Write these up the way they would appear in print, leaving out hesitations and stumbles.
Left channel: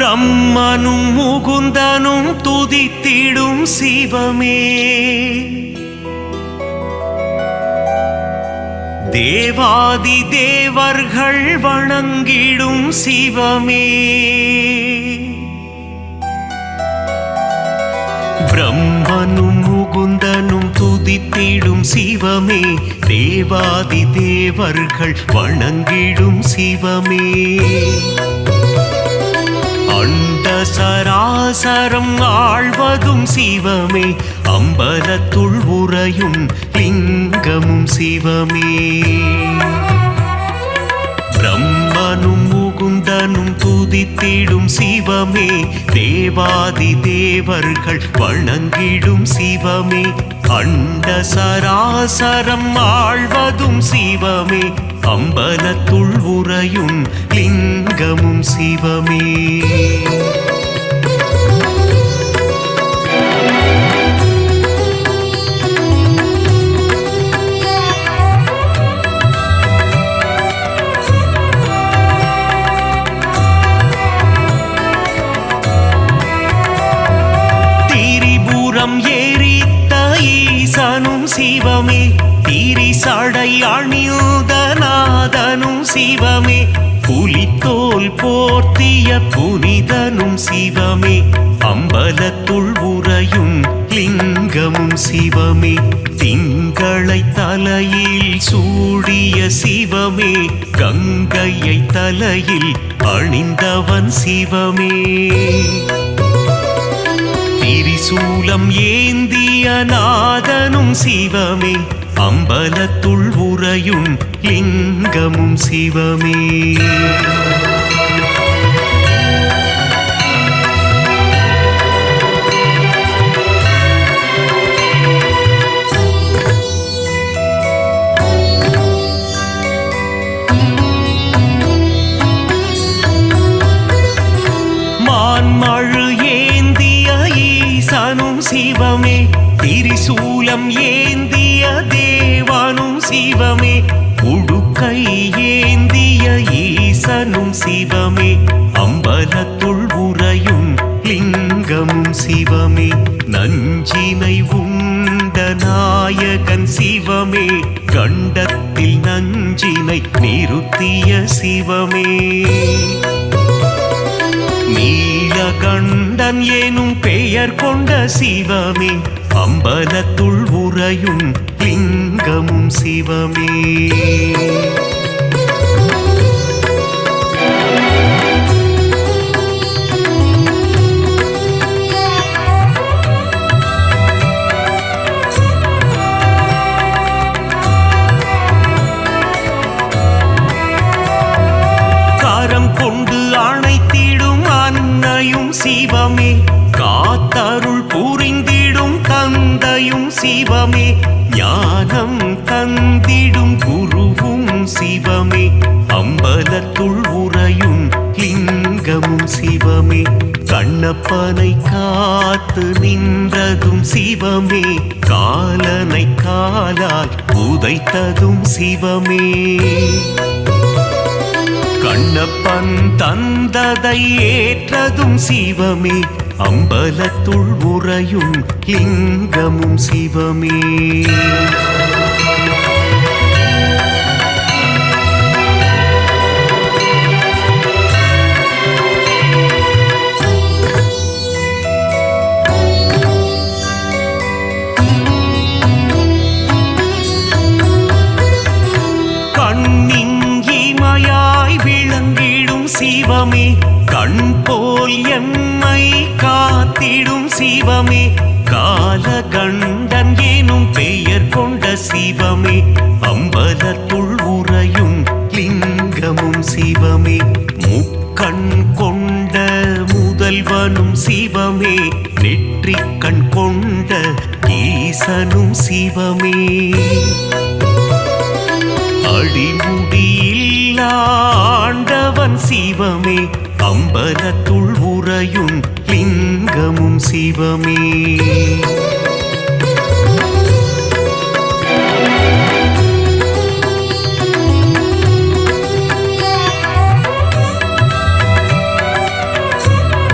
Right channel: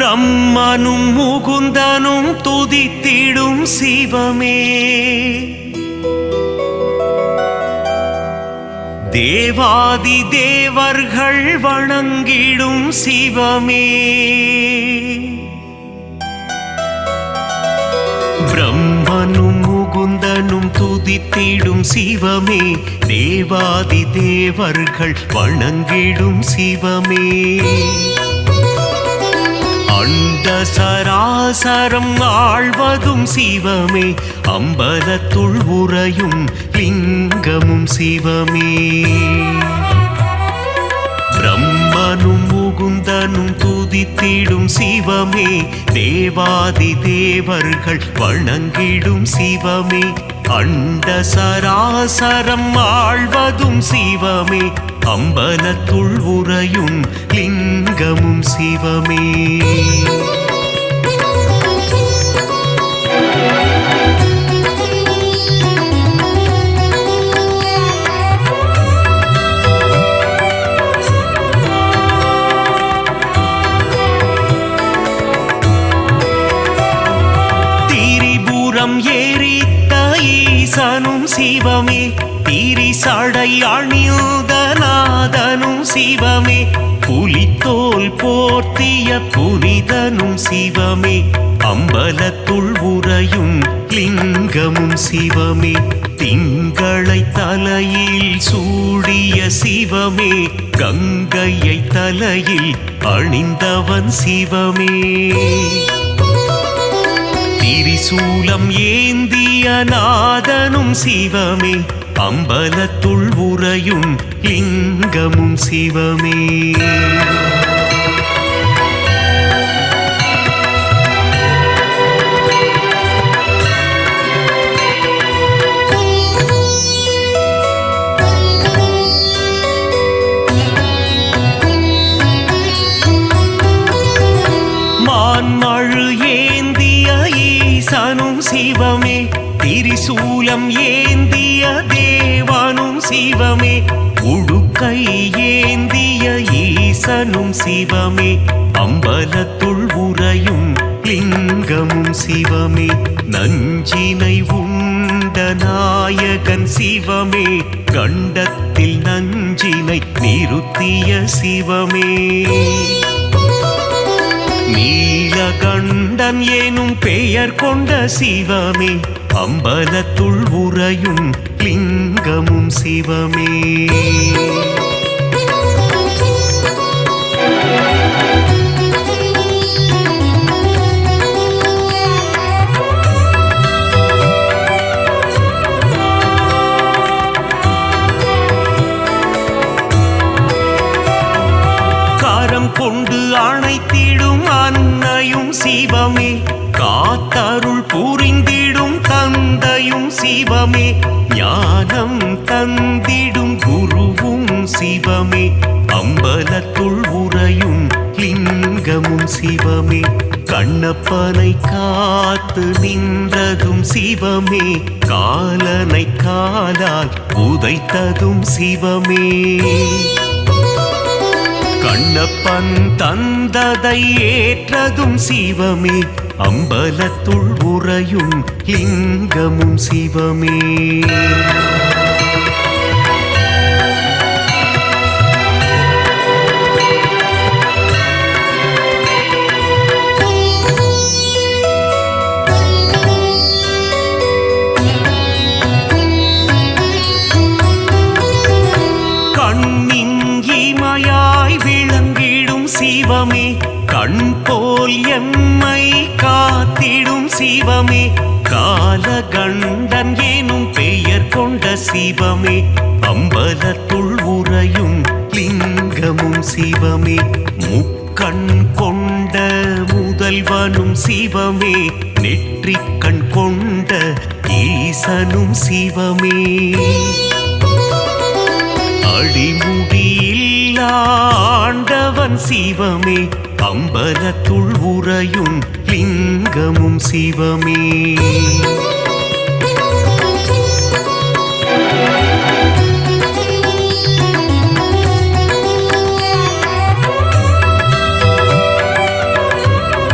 பிரம்மனும் முகுந்தனும் துதித்திடும் சிவமே, தேவாதி தேவர்கள் வணங்கிடும் சிவமே, பிரம்மனும் முகுந்தனும் துதித்திடும் சிவமே, தேவாதி தேவர்கள் வணங்கிடும் சிவமே, அண்ட சராசரம் ஆழ்வதும் சிவமே, அம்பலத்துள் உறையும் லிங்கமும் சிவமே, பிரம்மனும் முகுந்தனும் துதித்திடும் சிவமே, தேவாதி தேவர்கள் வணங்கிடும் சிவமே, அண்ட சராசரம் ஆழ்வதும் சிவமே, அம்பலத்துள் உறையும் லிங்கமும் சிவமே, திரிபுரம் எரித்த ஈசனும் சிவமே, திரிசடை அணிந்த நாதனும் சிவமே, புலித்தோல் போர்த்திய புனிதனும் சிவமே, அம்பலத்துள் உறையும் லிங்கமும் சிவமே, திங்களை தலையில் சூடிய சிவமே, கங்கையை தலையில் அணிந்தவன் சிவமே, திரிசூலம் ஏந்திய நாதனும் சிவமே, அம்பலத்துள் உறையும் லிங்கமும் சிவமே, மான்மழு ஏந்திய ஈசனும் சிவமே, திரிசூலம் ஏந்திய தேவனும் சிவமே, உடுக்கை ஏந்திய ஈசனும் சிவமே, அம்பலத்துள் உறையும் லிங்கமும் சிவமே, நஞ்சினை உண்ட நாயகன் சிவமே, கண்டத்தில் நஞ்சினை நிறுத்திய சிவமே, நீலகண்டன் எனும் பெயர் கொண்ட சிவமே, அம்பலத்துள் உறையும் லிங்கமும் சிவமே, கரம் கொண்டு அணைத்திடும் அன்னையும் சிவமே, காத்தருள் புரிந்திடும் தந்தையும் சிவமே, ஞானம் தந்திடும் குருவும் சிவமே, அம்பலத்துள் உறையும் லிங்கமும் சிவமே, கண்ணப்பனை காத்து நின்றதும் சிவமே, காலனை காலால் உதைத்ததும் சிவமே, கண்ணப்பன் தந்ததை ஏற்றதும் சிவமே, அம்பலத்துள் உறையும் லிங்கமும் சிவமே, கண்ணின் இமையாய் விளங்கிடும் சிவமே, கண் போல் எம்மை காத்திடும் சிவமே, காலகண்டன் எனும் பெயர் கொண்ட சிவமே, அம்பலத்துள் உறையும் லிங்கமும் சிவமே, முக்கண் கொண்ட முதல்வனும் சிவமே, நெற்றிக்கண் கொண்ட ஈசனும் சிவமே, அடிமுடியில்லா ஆண்டவன் சிவமே, அம்பலத்துள் உறையும் லிங்கமும் சிவமே,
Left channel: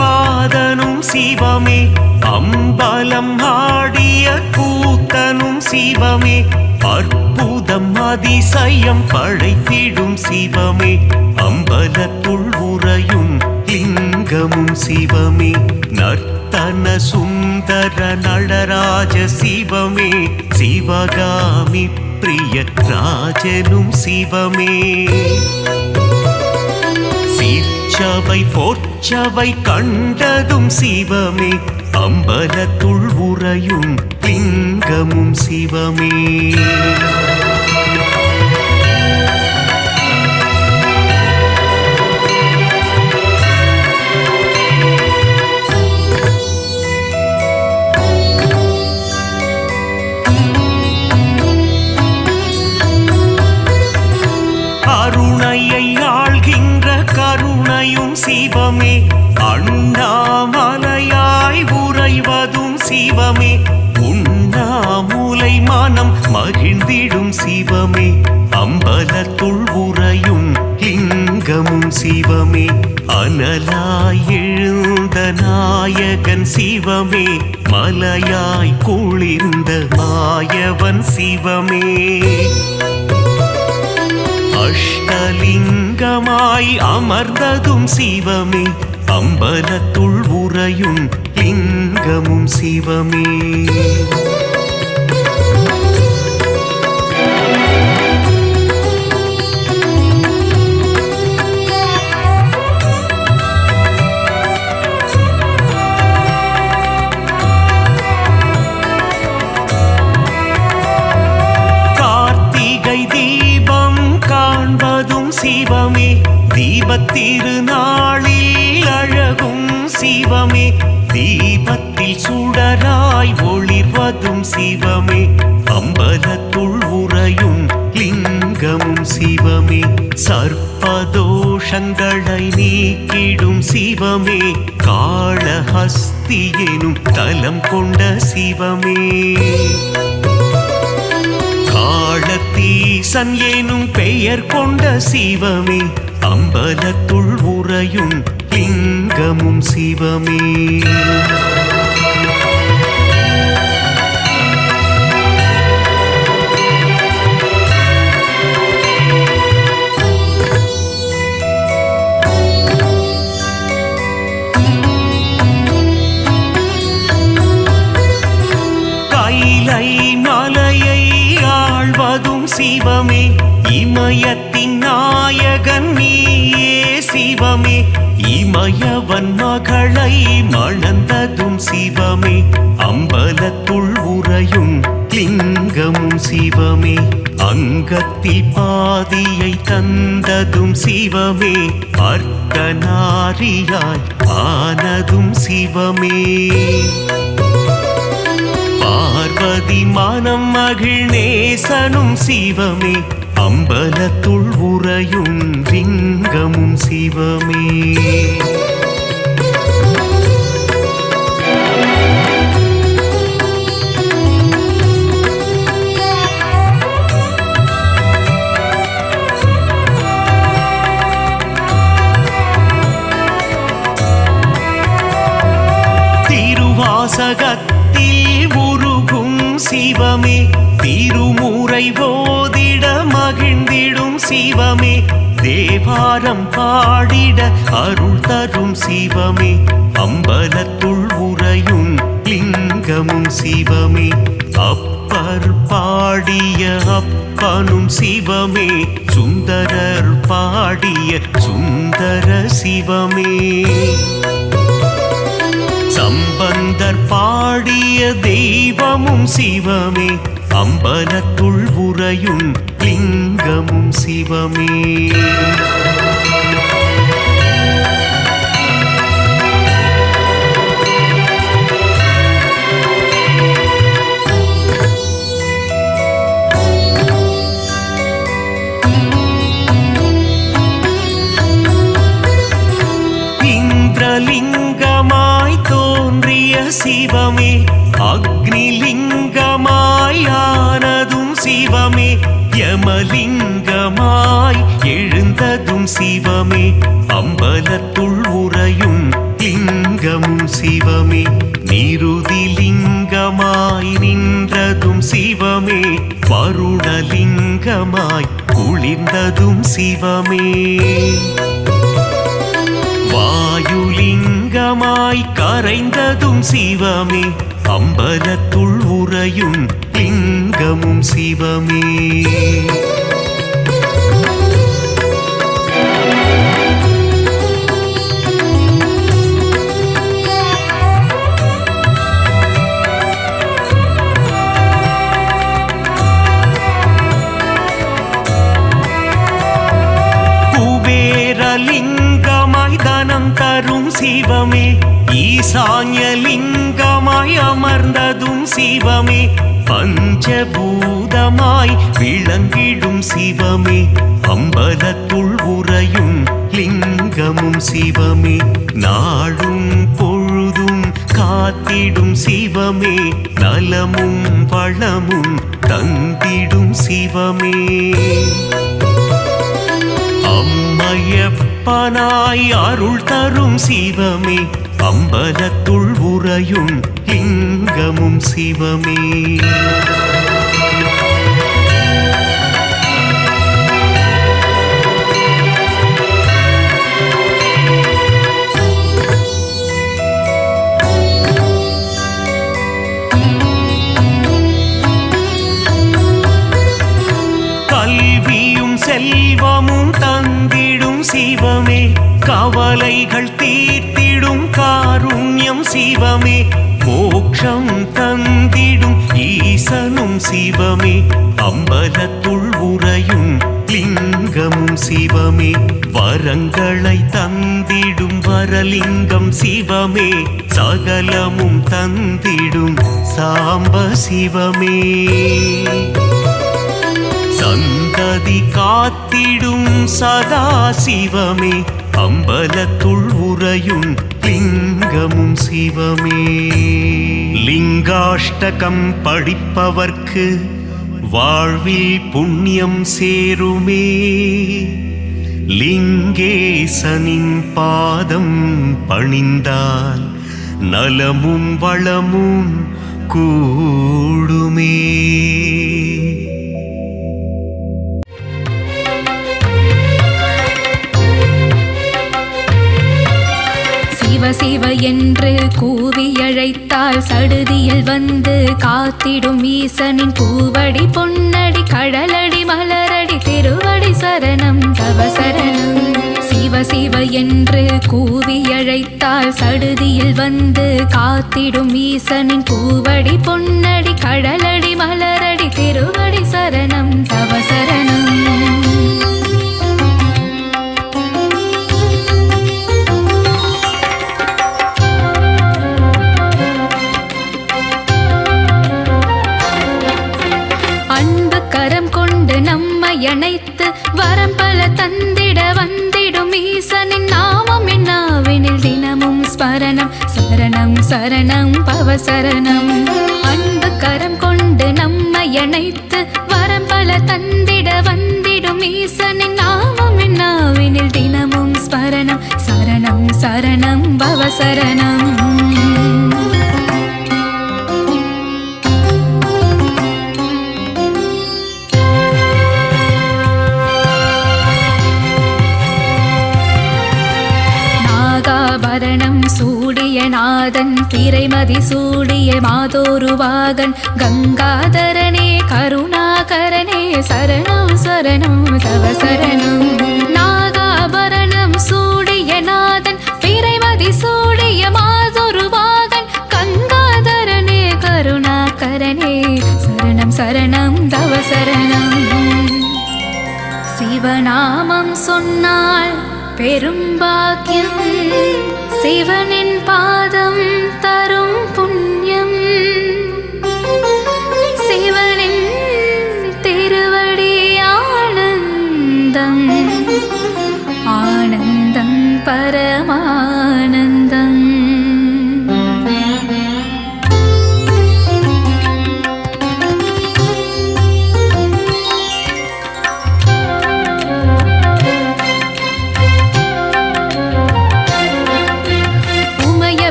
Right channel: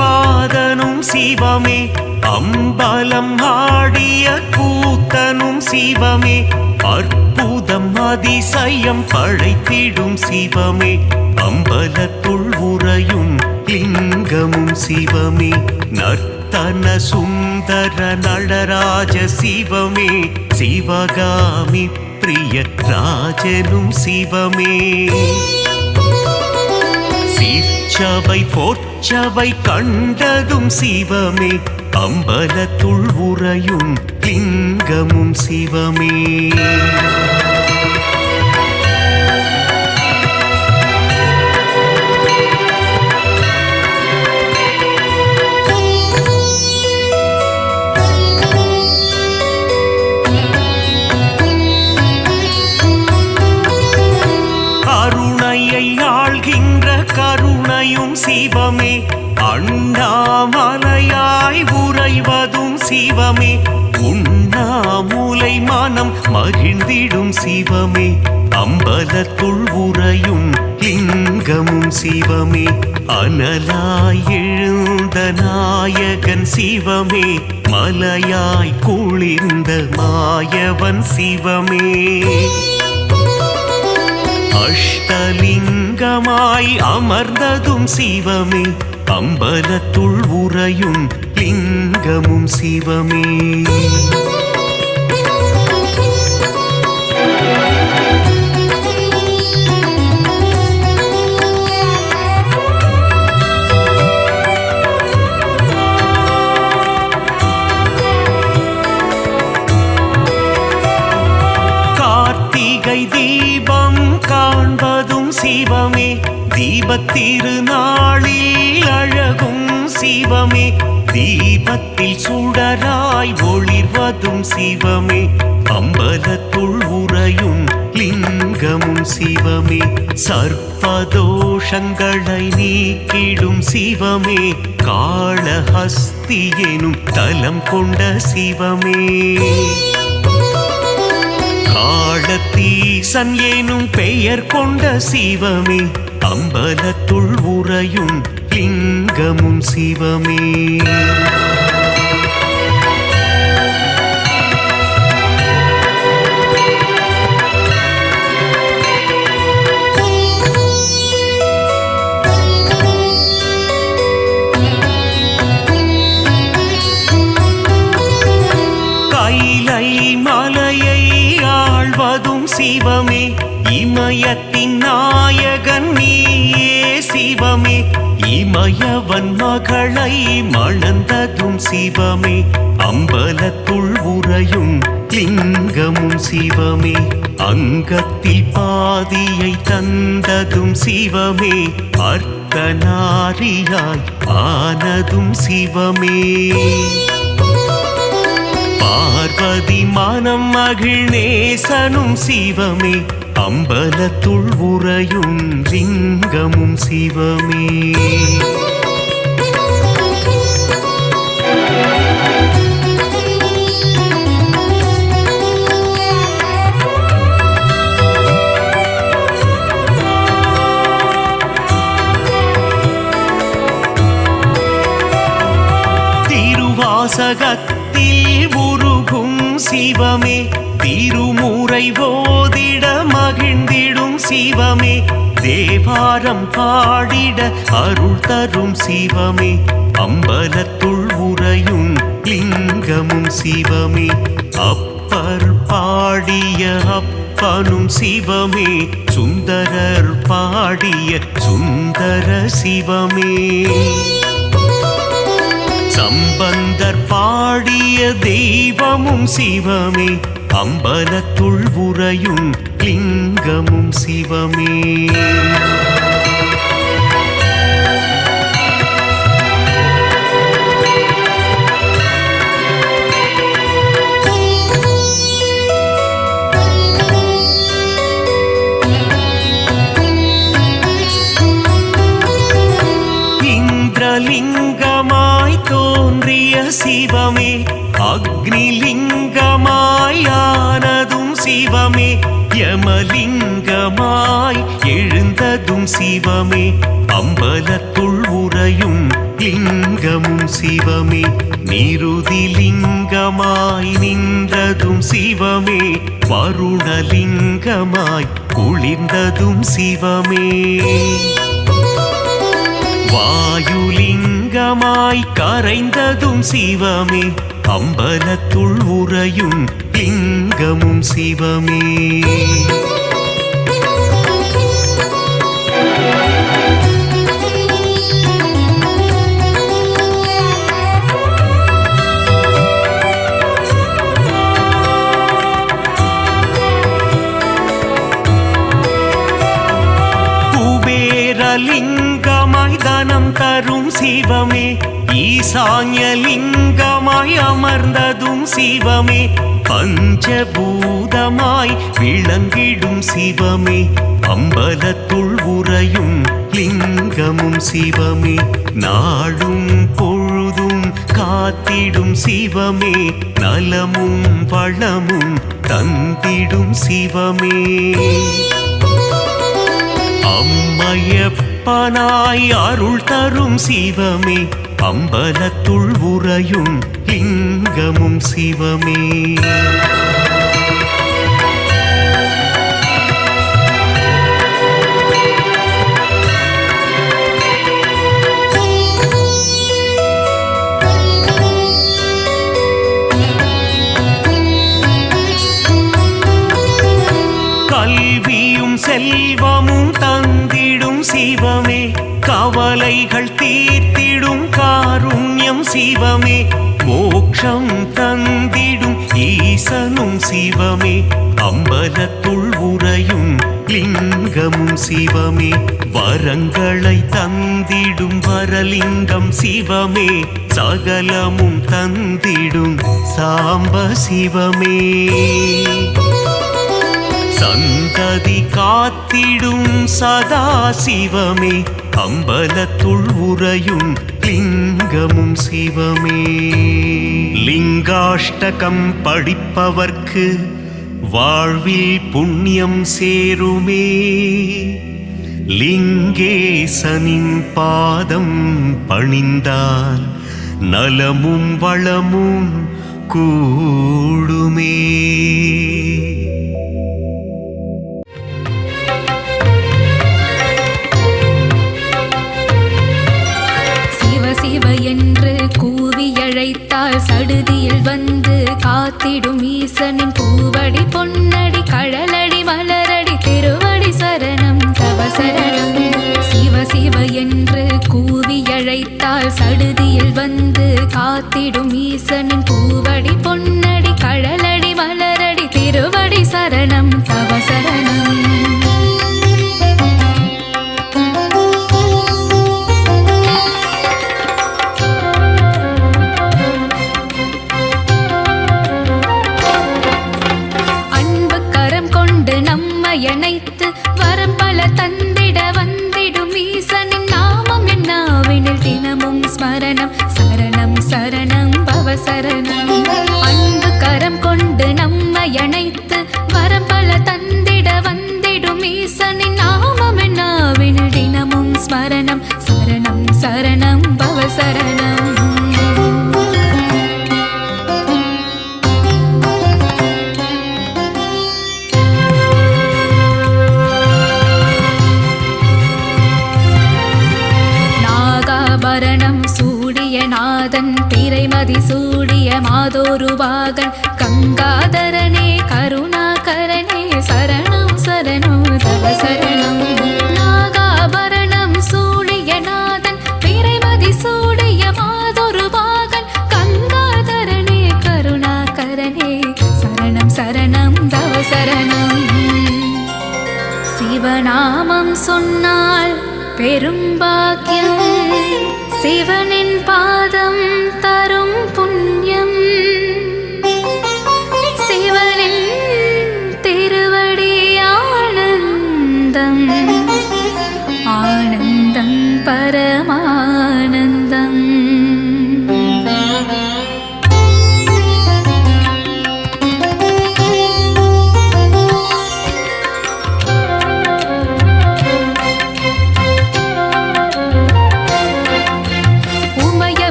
பாதனும் சிவமே அம்பலம் ஆடிய கூத்தனும் சிவமே அற்புதம் அதிசயம் படைத்திடும் சிவமே அம்பலத்துள் உறையும் லிங்கமும் சிவமே நர்த்தன சுந்தர நடராஜ சிவமே சிவகாமி பிரிய ராஜனும் சிவமே சீர்ச்சபை போர்ச்சபை கண்டதும் சிவமே அம்பலத்துள் உறையும் லிங்கமும் சிவமே கருணையை ஆள்கின்ற கருணையும் சிவமே அண்ணாமலையாய் உறைவதும் சிவமே உண்ணாமுலை மனம் மகிழ்ந்திடும் சிவமே அம்பலத்துள் உறையும் லிங்கமும் சிவமே அனலாய் எழுந்த நாயகன் சிவமே மலையாய் குளிர்ந்த மாயவன் சிவமே அஷ்டலிங்கமாய் அமர்ந்ததும் சிவமே அம்பலத்துள் உறையும் லிங்கமும் சிவமே கார்த்திகை தீபம் காண்பதும் சிவமே தீபத்திருநாளில் அழகும் சிவமே தீபத்தில் சுடராய் ஒளிர்வதும் சிவமே அம்பலத்துள் உறையும் லிங்கமும் சிவமே சர்ப்பதோஷங்களை நீக்கிடும் சிவமே காளஹஸ்தி எனும் தலம் கொண்ட சிவமே காளத்தீசன் எனும் பெயர் கொண்ட சிவமே அம்பலத்துள் உறையும் லிங்கமும் சிவமே கைலை மலையை ஆழ்வதும் சிவமே இமயத்தின் நாயகன் நீயே சிவமே இமயவன் மகளை மணந்ததும் சிவமே அம்பலத்துள் உறையும் லிங்கமும் சிவமே அங்கத்தில் பாதியை தந்ததும் சிவமே அர்த்தநாரியாய் ஆனதும் சிவமே பார்வதி மனம் மகிழ்நேசனும் சிவமே அம்பலத்துள் உறையும் லிங்கமும் சிவமே திருவாசகத்தில் உருகும் சிவமே திருமுறை ஓதிட மகிழ்ந்திடும் சிவமே தேவாரம் பாடிட அருள் தரும் சிவமே அம்பலத்துள் உறையும் லிங்கமும் சிவமே அப்பர் பாடிய அப்பனும் சிவமே சுந்தரர் பாடிய சுந்தர சிவமே சம்பந்தர் பாடிய தெய்வமும் சிவமே அம்பலத்துள் உறையும் லிங்கமும் சிவமே இந்திரலிங்கமாய் தோன்றிய சிவமே அக்னிலிங்கமாய் ஆனதும் சிவமே யமலிங்கமாய் எழுந்ததும் சிவமே அம்பலத்துள் உறையும் லிங்கமும் சிவமே. நிருதிலிங்கமாய் நின்றதும் சிவமே. வருணலிங்கமாய் குளிர்ந்ததும் சிவமே. வாயுலிங்கமாய் கரைந்ததும் சிவமே. அம்பலத்துள் உறையும் லிங்கமும் சிவமே. குபேரலிங்கமாய் தனம் தரும் சிவமே. ஈசான்யலிங்கமாய் அமர்ந்ததும் சிவமே. பஞ்சபூதமாய் விளங்கிடும் சிவமே. அம்பலத்துள் உறையும் லிங்கமும் சிவமே. நாடும் பொழுதும் காத்திடும் சிவமே. நலமும் வளமும் தந்திடும் சிவமே. அம்மையப்பனாய் அருள் தரும் சிவமே. அம்பலத்துள் உறையும் லிங்கமும் சிவமே. கல்வியும் செல்வமும் தந்திடும் சிவமே. கவலைகள் தீர்த்திடும் காருண்யம் சிவமே. மோட்சம் தந்திடும் ஈசனும் சிவமே. அம்பலத்துள் உறையும் லிங்கமும் சிவமே. வரங்களை தந்திடும் வரலிங்கம் சிவமே. சகலமும் தந்திடும் சாம்ப சிவமே. சந்ததி காத்திடும் சதா சிவமே. அம்பலத்துள் உறையும் லிங்கமும் சிவமே. லிங்காஷ்டகம் படிப்பவர்க்கு வாழ்வில் புண்ணியம் சேருமே. லிங்கேசனின் பாதம் பணிந்தால் நலமும் வளமும் கூடுமே. என்று கூவி அழைத்தால் சடுதியில் வந்து காத்திடும் ஈசனின் பூவடி பொன்னடி கடலடி மலரடி திருவடி சரணம் தவ சரணம். சிவ சிவ என்று கூவி அழைத்தால் சடுதியில் வந்து காத்திடும் ஈசனின் பூவடி பொன்னடி கடலடி மலரடி திருவடி சரணம் தவ சரணம். அணைத்து வரம் பல தந்திட வந்திடும் ஈசனின் நாமம் என்னாவெனில் தினமும் ஸ்மரணம் சரணம் சரணம் பவ சரணம். அன்பு கரம் கொண்டு நம்மை அணைத்து வரம் பல தந்திட வந்திடும் ஈசனின் நாமம் என்னாவெனில் தினமும் ஸ்மரணம் சரணம் சரணம் பவ சரணம். நாதன் திரைமதி சூடிய மாதோருவாகன் கங்காதரனே கருணாகரனே சரணம் சரணம் தவ சரணம். நாகாபரணம் சூடிய நாதன் திரைமதி சூடிய மாதோருவாகன் கங்காதரனே கருணாகரனே சரணம் சரணம் தவ சரணம். சிவநாமம் சொன்னால் பெரும் பாக்கியம். சிவனின் பாதம் தரும் புண்ணியம். சிவனின் திருவடி ஆனந்தம் ஆனந்தம் பரமானந்தம்.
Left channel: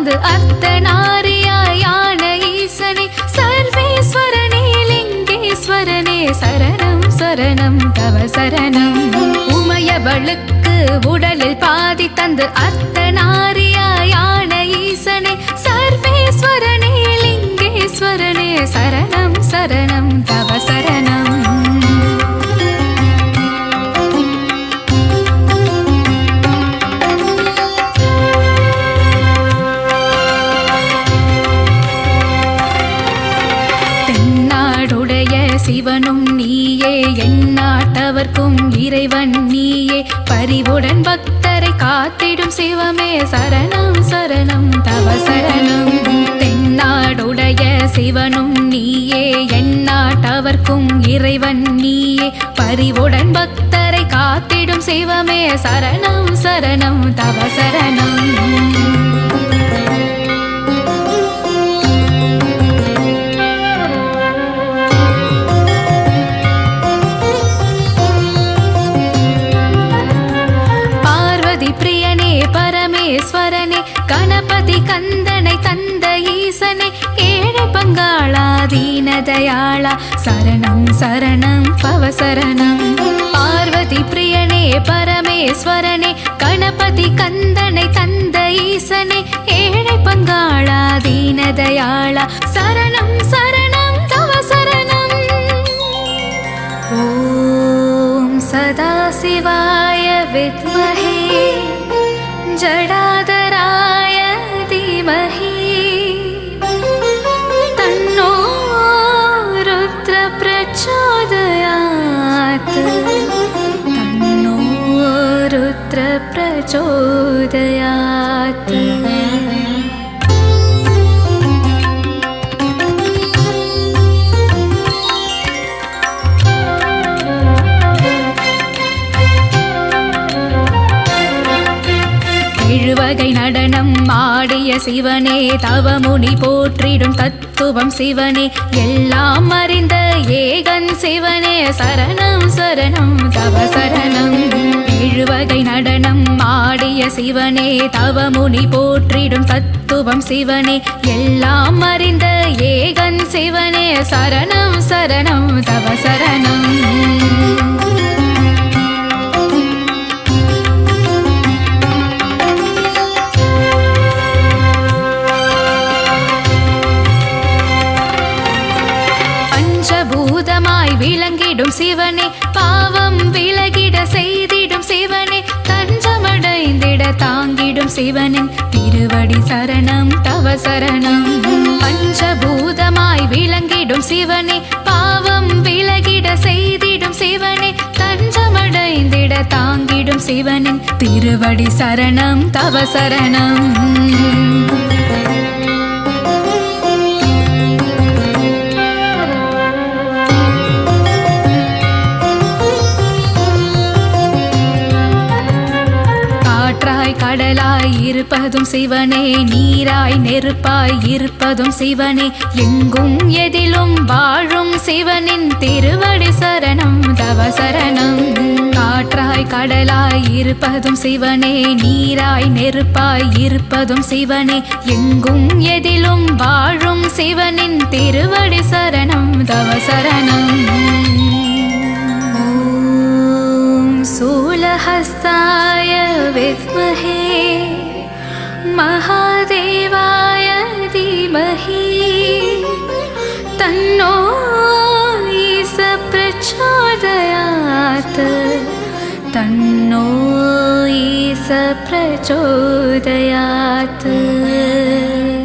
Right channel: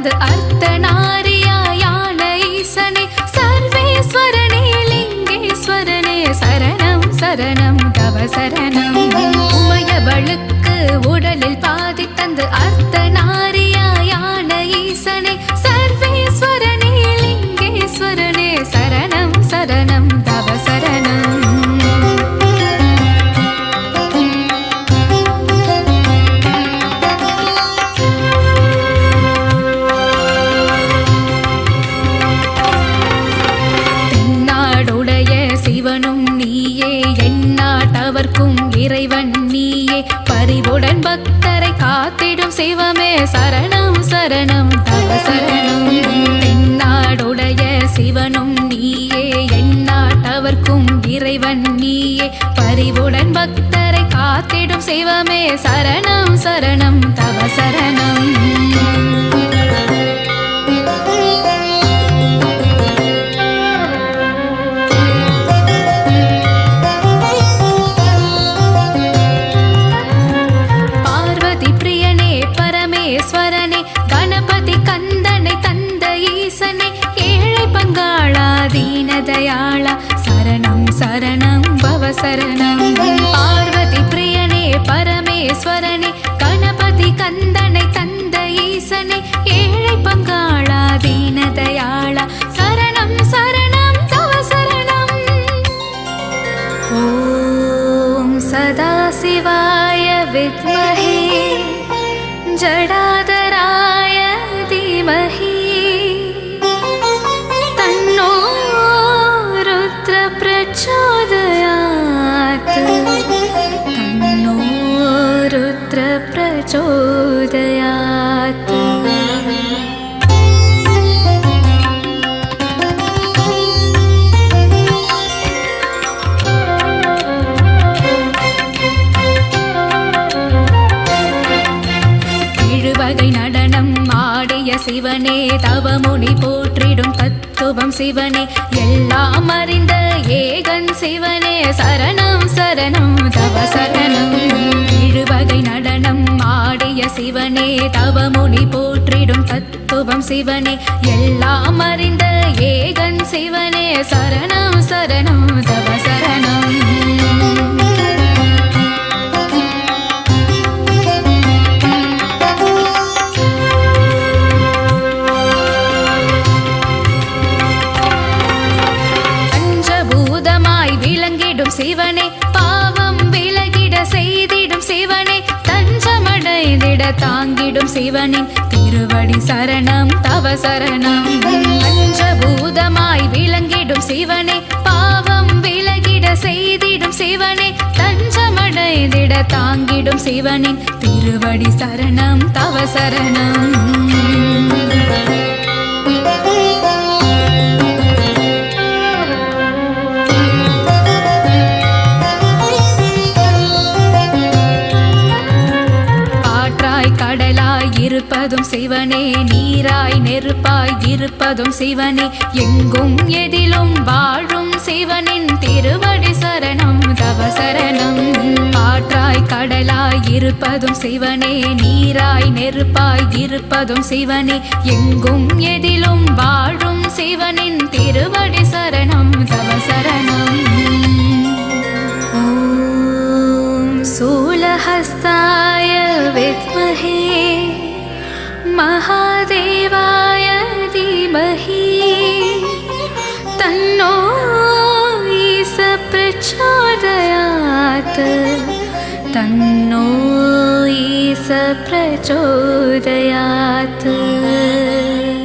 தந்து அர்த்தநாரியாயான ஈசனே சர்வேஸ்வரனே லிங்கேஸ்வரனே சரணம் சரணம் தவ சரணம். உமையவளுக்கு உடலில் பாதி தந்து அர்த்தநாரியாயான ஈசனே சர்வேஸ்வரனே லிங்கேஸ்வரனே சரணம் சரணம் தவ சரணம். சிவனும் நீயே எந்நாட்டவர்க்கும் இறைவன் நீயே பரிவுடன் பக்தரை காத்திடும் சிவமே சரணம் சரணம் தவ சரணம். தென்னாடுடைய சிவனும் நீயே எந்நாட்டவர்க்கும் இறைவன் நீயே பரிவுடன் பக்தரை காத்திடும் சிவமே சரணம் சரணம் தவ சரணம். கணபதி கந்தனை தந்த ஈசனை ஏழை பங்காளா தீனதயாளா சரணம் சரணம் பவ சரணம். பார்வதி பிரியனே பரமேஸ்வரனே கணபதி கந்தனை தந்த ஈசனை ஏழை பங்காளா தீனதயாளா சரணம் சரணம் தவ சரணம். ஓம் சதாசிவாய வித்மஹே ஜடாதராய தீமஹி தன்னோ ருத்ர பிரச்சோதயாத் தன்னோ ருத்ர பிரச்சோதயாத். எழுவகை நடனம் ஆடிய சிவனே தவமுனி போற்றிடும் தத்துவம் சிவனே எல்லாம் அறிந்த ஏகன் சிவனே சரணம் சரணம் தவ சரணம். எழுவகை நடனம் ஆடிய சிவனே தவமுனி போற்றிடும் தத்துவம் சிவனே எல்லாம் அறிந்த ஏகன் சிவனே சரணம் சரணம் தவ சரணம். விளங்கிடும் சிவனே பாவம் விலகிட செய்திடும் சிவனே தஞ்சமடைந்திட தாங்கிடும் சிவனின் திருவடி சரணம் தவ சரணம். பஞ்சபூதமாய் விளங்கிடும் சிவனே பாவம் விலகிட செய்திடும் சிவனே தஞ்சமடைந்திட தாங்கிடும் சிவனின் திருவடி சரணம் தவ சரணம். இருப்பதும் சிவனே நீராய் நெருப்பாய் இருப்பதும் சிவனே எங்கும் எதிலும் வாழும் சிவனின் திருவடி சரணம் தவ சரணம். காற்றாய் கடலாய் இருப்பதும் சிவனே நீராய் நெருப்பாய் இருப்பதும் சிவனே எங்கும் எதிலும் வாழும் சிவனின் திருவடி சரணம் தவ சரணம். ஓம் சூலஹஸ்தாய வித்மஹே महादेवाय धीमहि तन्नो ईश प्रचोदयात् तन्नो ईश प्रचोदयात्.